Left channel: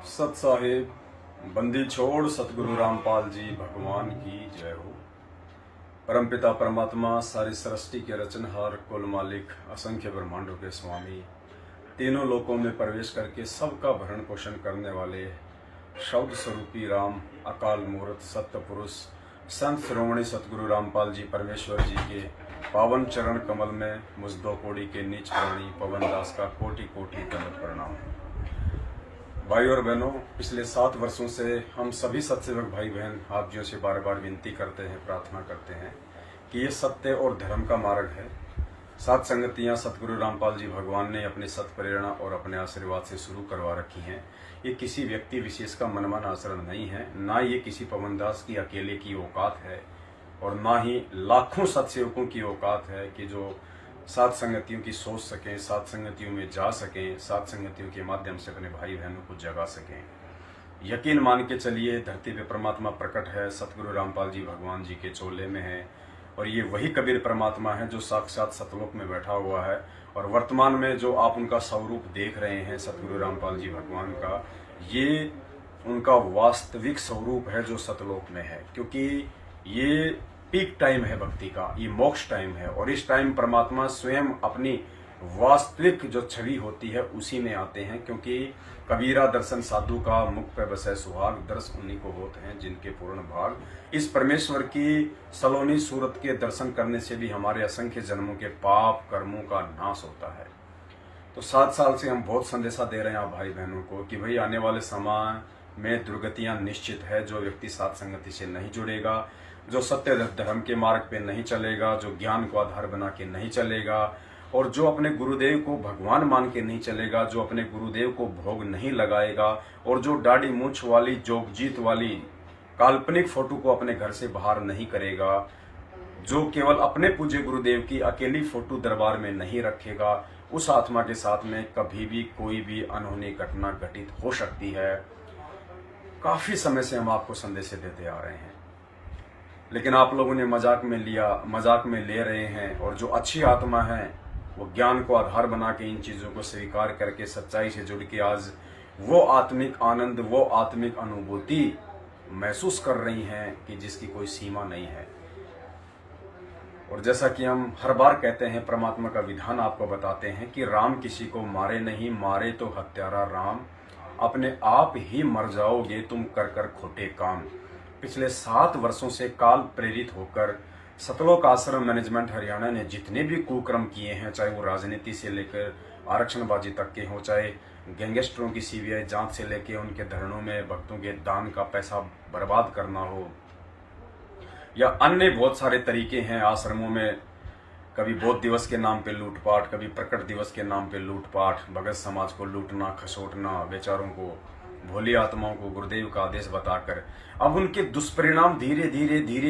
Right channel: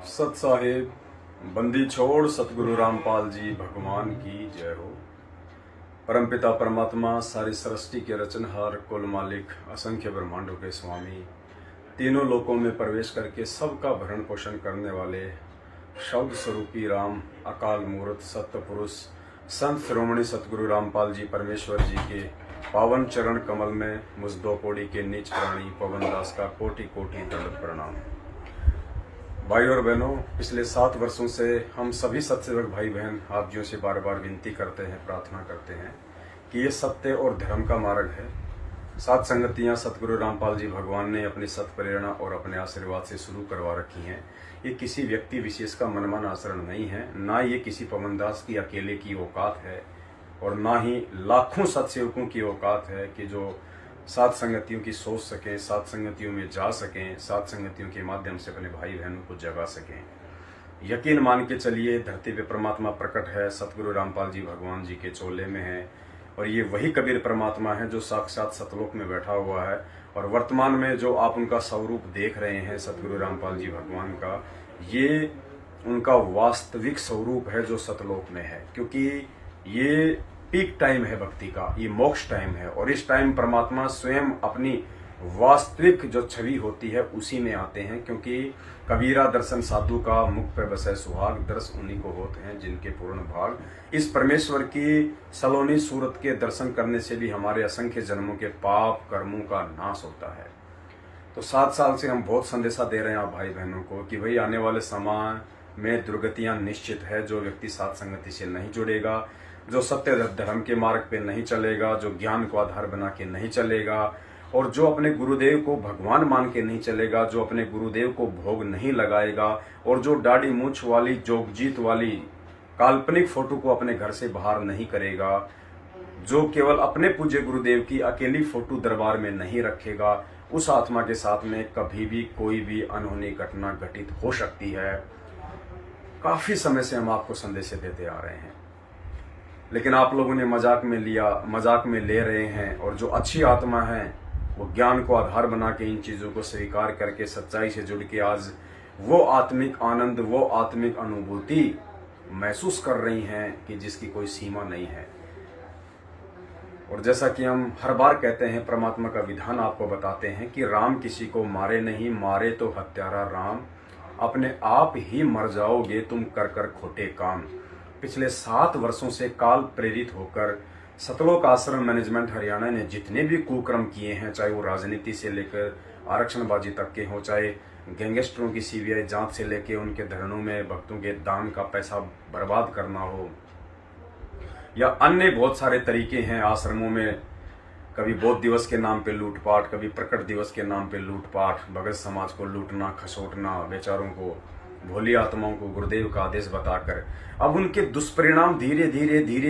सत साहिब बंदी छोड़ सतगुरु रामपाल जी भगवान की जय हो। परमपिता परमात्मा सारी सृष्टि के रचनहार, कुल मालिक, असंख्य ब्रह्मांडों के स्वामी, तीनों लोकों में प्रवेश करके सबका भरण पोषण करने वाले शब्द स्वरूपी राम, अकाल मूर्त, सत्य पुरुष, संत शिरोमणि सतगुरु रामपाल जी परमेश्वर जी के पावन चरण कमल में मुझ दो कोड़ी के नीच प्राणी पवन दास का कोटि कोटि दंडवत प्रणाम। भाई और बहनों, पिछले 7 वर्षों से हम सभी सत्सेवक भाई बहन आप जियों से बार बार विनती करते हैं, प्रार्थना करते हैं कि ये सत्य और धर्म का मार्ग है। 7 संगतियां सतगुरु रामपाल जी भगवान ने अपनी सत प्रेरणा और अपने आशीर्वाद से शुरू करवा रखी हैं। ये किसी व्यक्ति विशेष का मनमान आचरण नहीं है, ना ये किसी पवनदास की अकेले की औकात है और ना ही लाखों सत्सेवकों की औकात है कि जो 7 संगतियों की सोच सकें, 7 संगतियों में जा सकें, 7 संगतियों के माध्यम से अपने भाई बहनों को जगा सकें। यकीन मान के चलिए, धरती पे परमात्मा प्रकट है, सतगुरु रामपाल जी भगवान जी के चोले में है और ये वही कबीर परमात्मा है जो साक्षात सतलोक में बैठा हुआ है। और वर्तमान में जो आप उनका स्वरूप देख रहे हैं सतगुरु रामपाल जी भगवान का, ये उनका वास्तविक स्वरूप है जो सतलोक में है, क्योंकि ये पीक टाइम है भक्ति का, ये मोक्ष टाइम है और इस टाइम परमात्मा स्वयं अपनी वास्तविक जो छवि होती है उसी में आते हैं। क्योंकि कबीरा दर्शन साधु का, मुख पे बसे सुहाग, दर्श उन्हीं को होते हैं जिनके पूर्ण भाग। इस परमेश्वर की सलोनी सूरत के दर्शन करने से भी हमारे असंख्य जन्मों के पाप कर्मों का नाश होता है। तो 7 साल से हम बहुत संदेशा दे रहे हैं आप भाई बहनों को कि भाई आने वाले समय में दुर्गतियां निश्चित है। जो व्यक्ति 7 संगति से नहीं जुड़ेगा, जो सत्य धर्म के मार्ग पे नहीं चलेगा, जो ज्ञान को आधार बना के नहीं चलेगा और जो अपने गुरुदेव को भगवान मान के नहीं चलेगा, जो अपने गुरुदेव को भोग नहीं लगाएगा और जो दाढ़ी मूंछ वाली, जोगजीत वाली काल्पनिक फोटो को अपने घर से बाहर नहीं करेगा, जो केवल अपने पूज्य गुरुदेव की अकेली फोटो दरबार में नहीं रखेगा, उस आत्मा के साथ में कभी भी कोई भी अनहोनी घटना घटित हो सकती है। काफी समय से हम आपको संदेश देते आ रहे हैं, लेकिन आप लोगों ने मजाक में लिया, मजाक में ले रहे हैं। और जो अच्छी आत्मा है वो ज्ञान को आधार बना के इन चीजों को स्वीकार करके सच्चाई से जुड़ के आज वो आत्मिक आनंद, वो आत्मिक अनुभूति महसूस कर रही हैं कि जिसकी कोई सीमा नहीं है। और जैसा कि हम हर बार कहते हैं, परमात्मा का विधान आपको बताते हैं कि राम किसी को मारे नहीं, मारे तो हत्यारा राम, अपने आप ही मर जाओगे तुम कर कर खोटे काम। पिछले 7 वर्षों से काल प्रेरित होकर सतलोक आश्रम मैनेजमेंट हरियाणा ने जितने भी कुकर्म किए हैं, चाहे वो राजनीति से लेकर आरक्षणबाजी तक के हों, चाहे गैंगस्टरों की सीबीआई जांच से लेकर उनके धरनों में भक्तों के दान का पैसा बर्बाद करना हो, या अन्य बहुत सारे तरीके हैं आश्रमों में। कभी बौद्ध दिवस के नाम पे लूटपाट, कभी प्रकट दिवस के नाम पे लूटपाट, भगत समाज को लूटना, खसोटना, बेचारों को, भोली आत्माओं को गुरुदेव का आदेश बताकर अब उनके दुष्परिणाम धीरे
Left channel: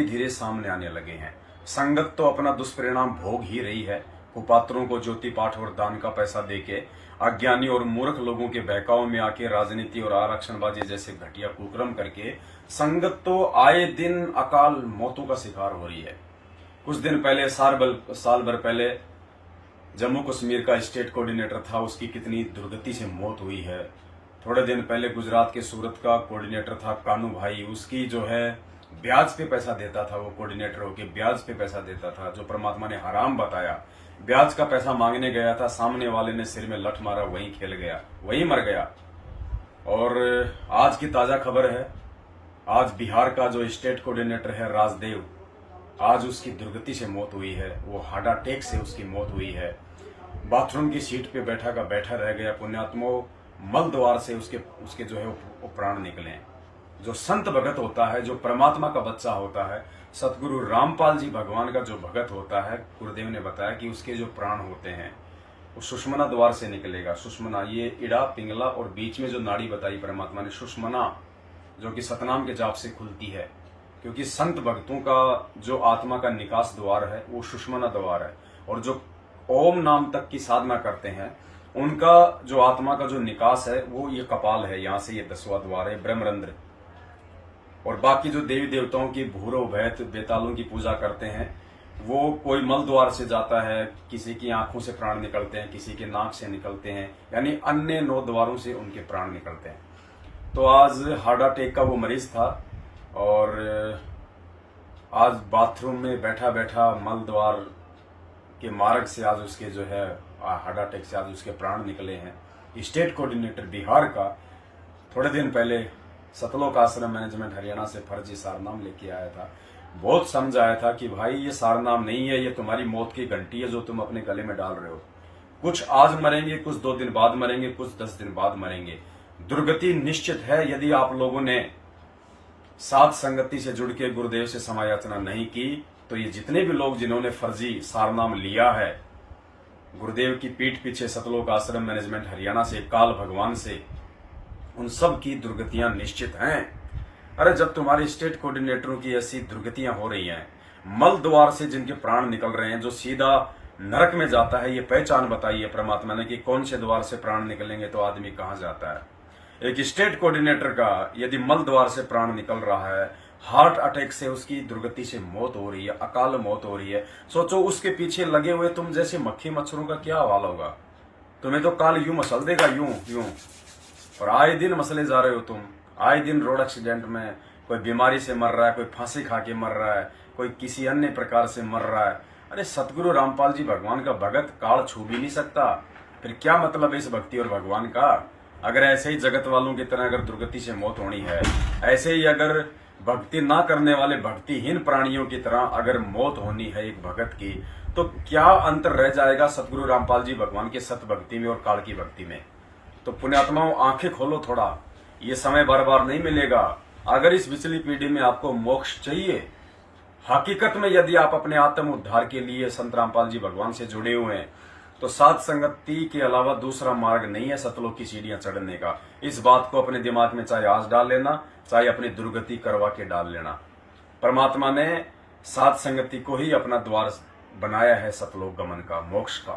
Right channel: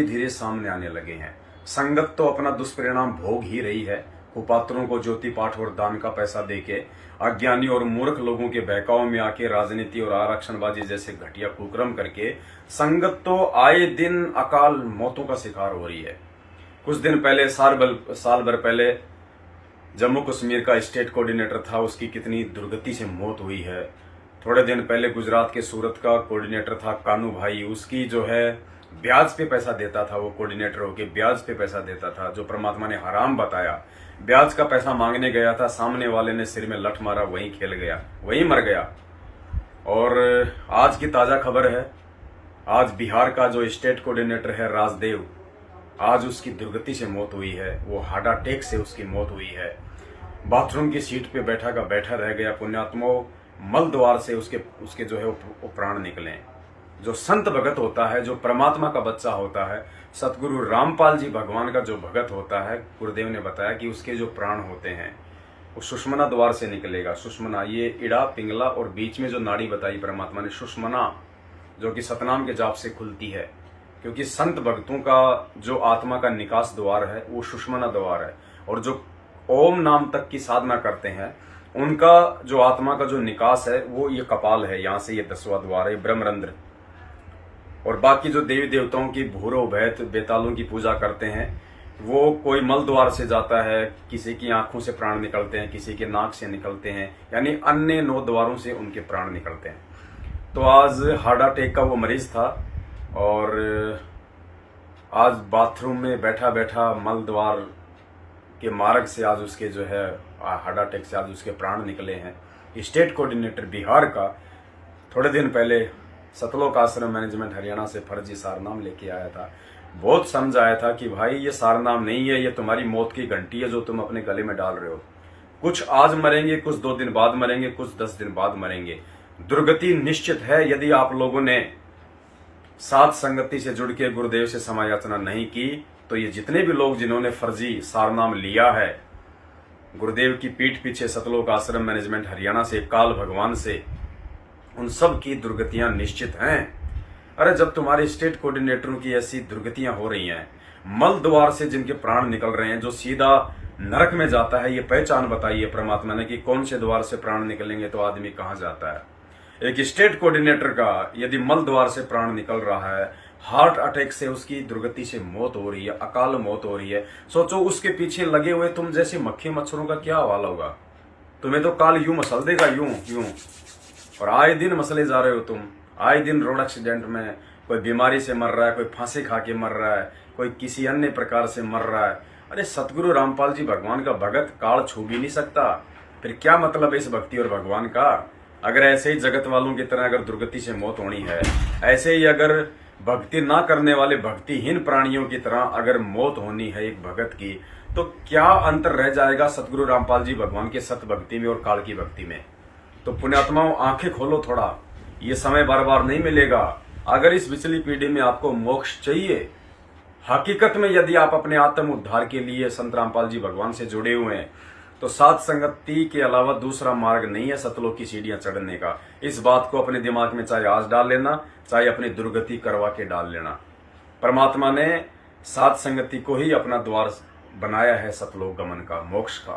धीरे सामने आने लगे हैं। संगत तो अपना दुष्परिणाम भोग ही रही है। कुपात्रों को ज्योति पाठ और दान का पैसा देके अज्ञानी और मूर्ख लोगों के बहकाव में आके राजनीति और आरक्षणबाजी जैसे घटिया कुकर्म करके संगत तो आए दिन अकाल मौतों का शिकार हो रही है। कुछ दिन पहले, साल भर पहले जम्मू कश्मीर का स्टेट कोऑर्डिनेटर था, उसकी कितनी दुर्गति से मौत हुई है। थोड़े दिन पहले गुजरात के सूरत का कोऑर्डिनेटर था कानू भाई, उसकी जो है ब्याज पे पैसा देता था, वो कोऑर्डिनेटर होके ब्याज पे पैसा देता था, जो परमात्मा ने हराम बताया। ब्याज का पैसा मांगने गया था, सामने वाले ने सिर में लठ मारा, वहीं खेल गया, वहीं मर गया। और आज की ताजा खबर है, आज बिहार का जो स्टेट कोऑर्डिनेटर है राजदेव, आज उसकी दुर्गति से मौत हुई है। वो हार्ट अटैक से उसकी मौत हुई है। बाथरूम की सीट पे बैठा का बैठा रह गया। पुण्यात्माओं, मल द्वार से उसके जो है वो प्राण निकले। जो संत भगत होता है, जो परमात्मा का बच्चा होता है, सतगुरु रामपाल जी भगवान का जो भगत होता है, गुरुदेव ने बताया कि उसके जो प्राण होते हैं वो सुषमना द्वार से निकलेगा। सुषमना, ये इड़ा, पिंगला और बीच में जो नाड़ी बताई परमात्मा ने, सुषमना, जो कि सतनाम के जाप से खुलती है। क्योंकि संत भक्तों का जो आत्मा का निकास द्वार है वो सुषमना द्वार है। और जो ओम नाम तक की साधना करते हैं उनका जो आत्मा का जो निकास है वो ये कपाल है, यहां से ये 10वां द्वार है, ब्रह्मरंध्र। और बाकी जो देवी देवताओं की भूरो भैत बेतालों की पूजा करते हैं, वो कोई मल द्वार से जाता है, किसी की आंखों से प्राण निकलते हैं, किसी के नाक से निकलते हैं, यानी अन्य 9 द्वारों से उनके प्राण निकलते हैं। तो आज हार्ट अटैक का वो मरीज था और आज बाथरूम में बैठा बैठा मल द्वार के मार्ग से आज उसके जो है हार्ट अटैक से आज उसके प्राण निकले हैं। स्टेट कोऑर्डिनेटर बिहार का थोड़े दिन पहले सतलोक आश्रम मैनेजमेंट हरियाणा से फर्जी सारनाम लेके आया था। बहुत समझ आया था कि भाई ये सारनाम नहीं है, ये तुम्हारी मौत की घंटी है जो तुम अपने गले में डाल रहे हो। कुछ आज मरेंगे, कुछ 2 दिन बाद मरेंगे, कुछ 10 दिन बाद मरेंगे। दुर्गति निश्चित है यदि आप लोगों ने साध संगति से जुड़ के गुरुदेव से समायाचना नहीं की। तो ये जितने भी लोग जिन्होंने फर्जी सारनाम लिया है गुरुदेव की पीठ पीछे सतलोक आश्रम मैनेजमेंट हरियाणा से, काल भगवान से, उन सब की दुर्गतियां निश्चित हैं। अरे जब तुम्हारे स्टेट कोऑर्डिनेटरों की ऐसी दुर्गतियां हो रही हैं, मल द्वार से जिनके प्राण निकल रहे हैं, जो सीधा नरक में जाता है, ये पहचान बताइए परमात्मा ने कि कौन से द्वार से प्राण निकलेंगे तो आदमी कहां जाता है। एक स्टेट कोऑर्डिनेटर का यदि मल द्वार से प्राण निकल रहा है, हार्ट अटैक से उसकी दुर्गति से मौत हो रही है, अकाल मौत हो रही है, सोचो उसके पीछे लगे हुए तुम जैसे मक्खी मच्छरों का क्या हाल होगा। तुम्हें तो काल यूं मसल देगा, यूं यूं। और आए दिन मसले जा रहे हो तुम। आए दिन रोड एक्सीडेंट में कोई बीमारी से मर रहा है, कोई फांसी खा के मर रहा है, कोई किसी अन्य प्रकार से मर रहा है। अरे सतगुरु रामपाल जी भगवान का भगत काल छू भी नहीं सकता, फिर क्या मतलब है इस भक्ति और भगवान का। अगर ऐसे ही जगत वालों की तरह अगर दुर्गति से मौत होनी है, ऐसे ही अगर भक्ति ना करने वाले भक्तिहीन प्राणियों की तरह अगर मौत होनी है एक भगत की, तो क्या अंतर रह जाएगा सतगुरु रामपाल जी भगवान के सत भक्ति में और काल की भक्ति में। तो पुण्यात्माओं आंखें खोलो थोड़ा, ये समय बार बार नहीं मिलेगा। अगर इस पिछली पीढ़ी में आपको मोक्ष चाहिए, हकीकत में यदि आप अपने आत्म उद्धार के लिए संत रामपाल जी भगवान से जुड़े हुए हैं, तो साध संगति के अलावा दूसरा मार्ग नहीं है सतलोक की सीढ़ियां चढ़ने का। इस बात को अपने दिमाग में चाहे आज डाल लेना, चाहे अपनी दुर्गति करवा के डाल लेना। परमात्मा ने साध संगति को ही अपना द्वार बनाया है सतलोक गमन का, मोक्ष का।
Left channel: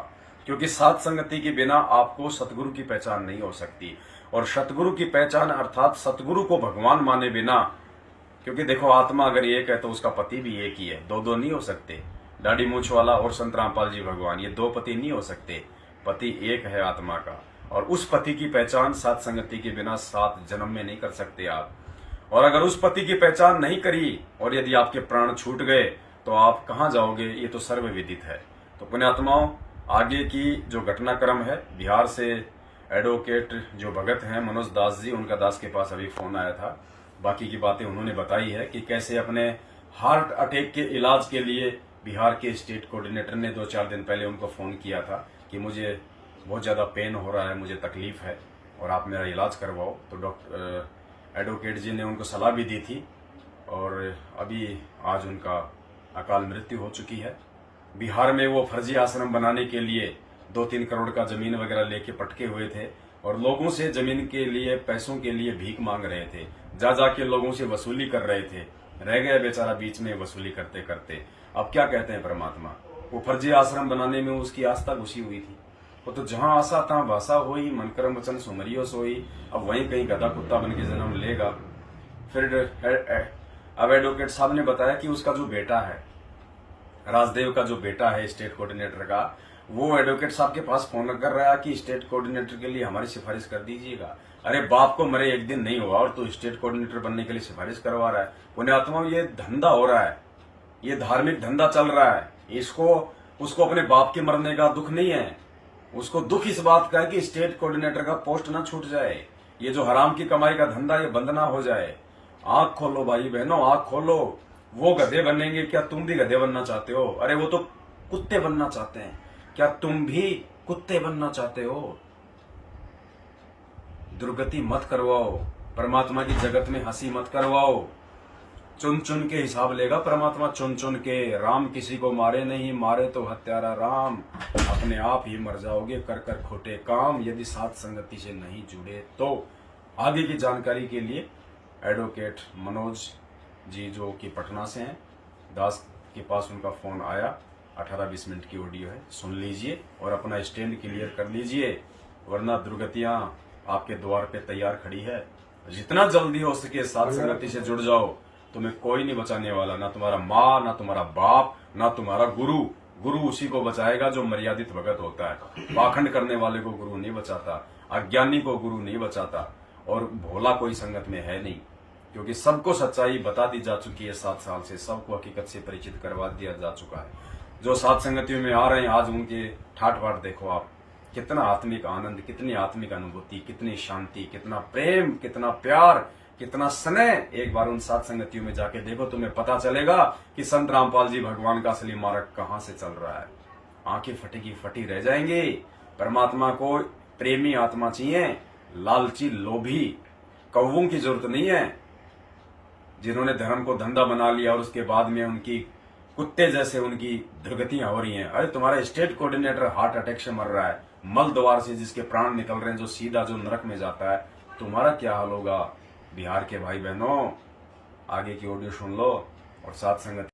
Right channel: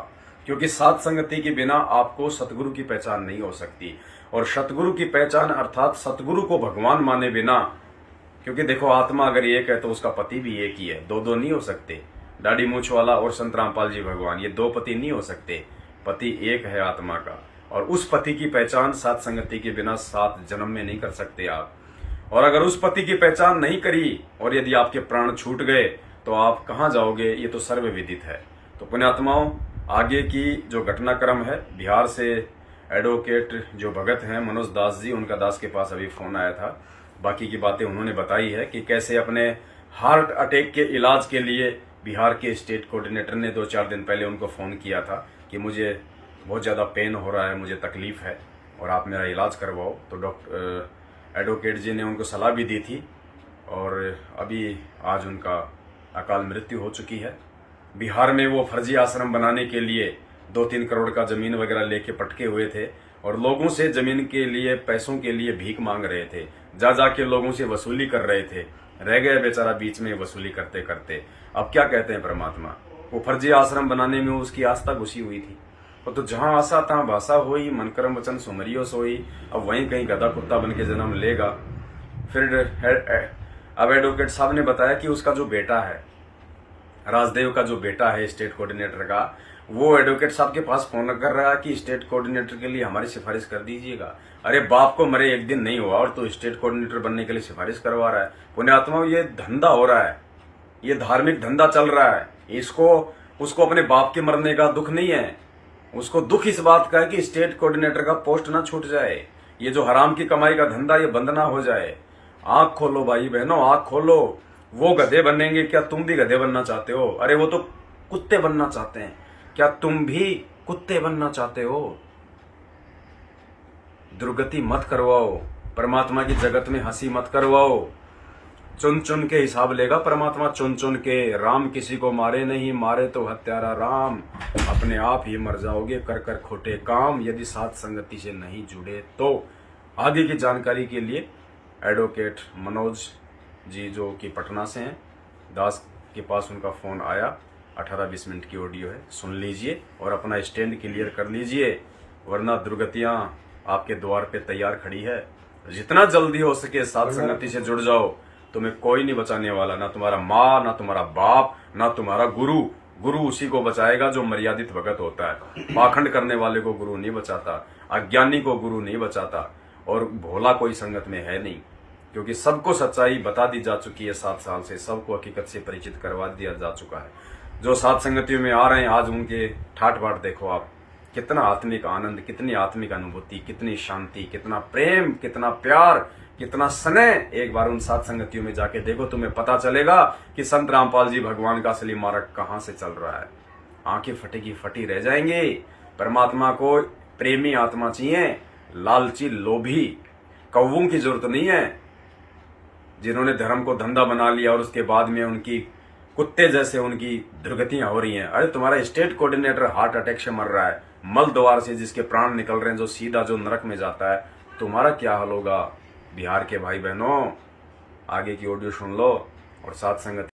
क्योंकि साध संगति के बिना आपको सतगुरु की पहचान नहीं हो सकती। और सतगुरु की पहचान अर्थात सतगुरु को भगवान माने बिना, क्योंकि देखो आत्मा अगर एक है तो उसका पति भी एक ही है, दो नहीं हो सकते। दाढ़ी मूछ वाला और संत रामपाल जी भगवान, ये 2 पति नहीं हो सकते। पति एक है आत्मा का, और उस पति की पहचान साध संगति के बिना 7 जन्म में नहीं कर सकते आप। और अगर उस पति की पहचान नहीं करी और यदि आपके प्राण छूट गए तो आप कहां जाओगे, ये तो सर्वविदित है। तो पुण्यात्माओं, आगे की जो घटनाक्रम है, बिहार से एडवोकेट जो भगत हैं मनोज दास जी, उनका दास के पास अभी फोन आया था। बाकी की बातें उन्होंने बताई है कि कैसे अपने हार्ट अटैक के इलाज के लिए बिहार के स्टेट कोऑर्डिनेटर ने 2-4 दिन पहले उनको फोन किया था कि मुझे बहुत ज्यादा पेन हो रहा है, मुझे तकलीफ है और आप मेरा इलाज करवाओ। तो डॉक्टर एडवोकेट जी ने उनको सलाह भी दी थी और अभी आज उनका अकाल मृत्यु हो चुकी है। बिहार में वो फर्जी आश्रम बनाने के लिए 2-3 करोड़ का जमीन वगैरह लेके पटके हुए थे और लोगों से जमीन के लिए, पैसों के लिए भीख मांग रहे थे, जा जाके लोगों से वसूली कर रहे थे। रह गया बेचारा बीच में वसूली करते करते। अब क्या कहते हैं परमात्मा, वो फर्जी आश्रम बनाने में उसकी आस्था घुसी हुई थी। वो तो जहां आशा तहां भाषा हुई, मन कर्म वचन सुमरियो सोई। अब वहीं कहीं गधा कुत्ता बन के जन्म लेगा। फिर अब एडवोकेट साहब ने बताया कि उसका जो बेटा है, राजदेव का जो बेटा है स्टेट कोऑर्डिनेटर का, वो एडवोकेट साहब के पास फोन कर रहा है कि स्टेट कोऑर्डिनेटर के लिए हमारी सिफारिश कर दीजिएगा। अरे बाप को मरे एक दिन नहीं हुआ और तो स्टेट कोऑर्डिनेटर बनने के लिए सिफारिश करवा रहा है। पुण्यात्माओं, ये धंधा हो रहा है, ये धार्मिक धंधा चल रहा है। उसको अपने बाप के मरने का दुख नहीं है, उसको दुख इस बात का है कि स्टेट कोऑर्डिनेटर का पोस्ट ना छूट जाए। ये जो हराम की कमाई का धंधा ये बंद ना हो जाए। आंख खोलो भाई बहनों, आंख खोलो। वो गधे बनेंगे, क्या तुम भी गधे बनना चाहते हो? अरे वो तो कुत्ते बनना चाहते हैं, क्या तुम भी कुत्ते बनना चाहते हो? दुर्गति मत करवाओ, परमात्मा की जगत में हंसी मत करवाओ। चुन चुन के हिसाब लेगा परमात्मा, चुन चुन के। राम किसी को मारे नहीं, मारे तो हत्यारा राम। अपने आप ही मर जाओगे कर कर खोटे काम, यदि साध संगति से नहीं जुड़े तो। आगे की जानकारी के लिए एडवोकेट मनोज जी जो कि पटना से हैं, दास के पास उनका फोन आया, 18-20 मिनट की ऑडियो है, सुन लीजिए और अपना स्टैंड क्लियर कर लीजिए, वरना दुर्गतियां आपके द्वार पे तैयार खड़ी है। जितना जल्दी हो सके साध संगति से जुड़ जाओ, तुम्हें कोई नहीं बचाने वाला, ना तुम्हारा माँ, ना तुम्हारा बाप, ना तुम्हारा गुरु। गुरु उसी को बचाएगा जो मर्यादित भगत होता है। पाखंड करने वाले को गुरु नहीं बचाता, अज्ञानी को गुरु नहीं बचाता। और भोला कोई संगत में है नहीं, क्योंकि सबको सच्चाई बता दी जा चुकी है। 7 साल से सबको हकीकत से परिचित करवा दिया जा चुका है। जो सात संगतियों में आ रहे हैं आज उनके ठाट बाट देखो आप, कितना आत्मिक आनंद, कितनी आत्मिक अनुभूति, कितनी शांति, कितना प्रेम, कितना प्यार, कितना स्नेह। एक बार उन सात संगतियों में जाके देखो, तुम्हें पता चलेगा कि संत रामपाल जी भगवान का असली मार्ग कहां से चल रहा है। आंखें फटी फटी रह जाएंगी। परमात्मा को प्रेमी आत्मा चाहिए, लालची लोभी कौवों की जरूरत नहीं है, जिन्होंने धर्म को धंधा बना लिया और उसके बाद में उनकी कुत्ते जैसे उनकी दुर्गतियां हो रही हैं। अरे तुम्हारा स्टेट कोऑर्डिनेटर हार्ट अटैक से मर रहा है, मल द्वार से जिसके प्राण निकल रहे हैं, जो सीधा जो नरक में जाता है, तुम्हारा क्या हाल होगा। बिहार के भाई बहनों, आगे की ऑडियो सुन लो और साथ संगत